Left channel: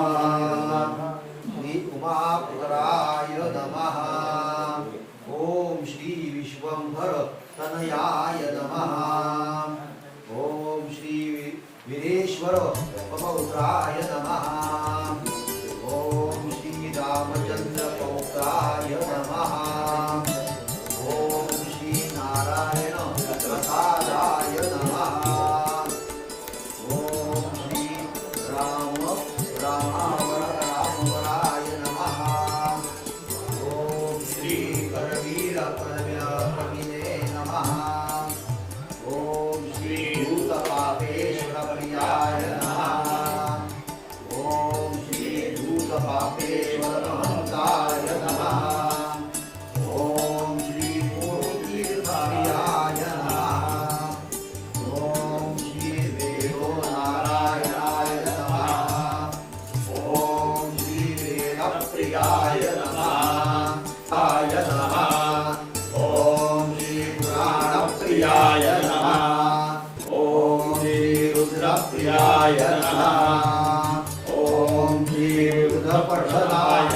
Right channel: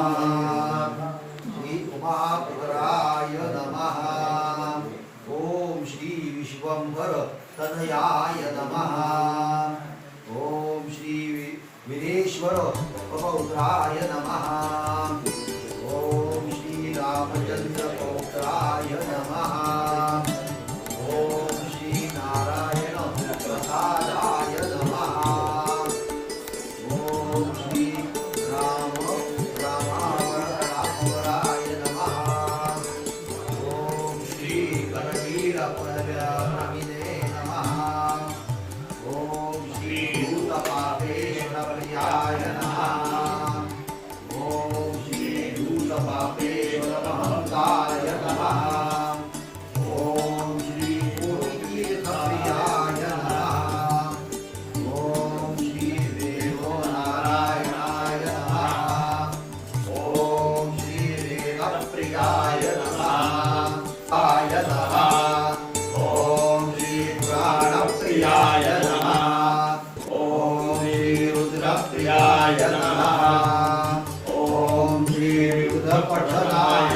श्री नम। ओं श्री विश्वम्भर तनयाय नम। ओं श्री विनेश्वर पठनाय नमः ॐ श्रीबुधपठनाय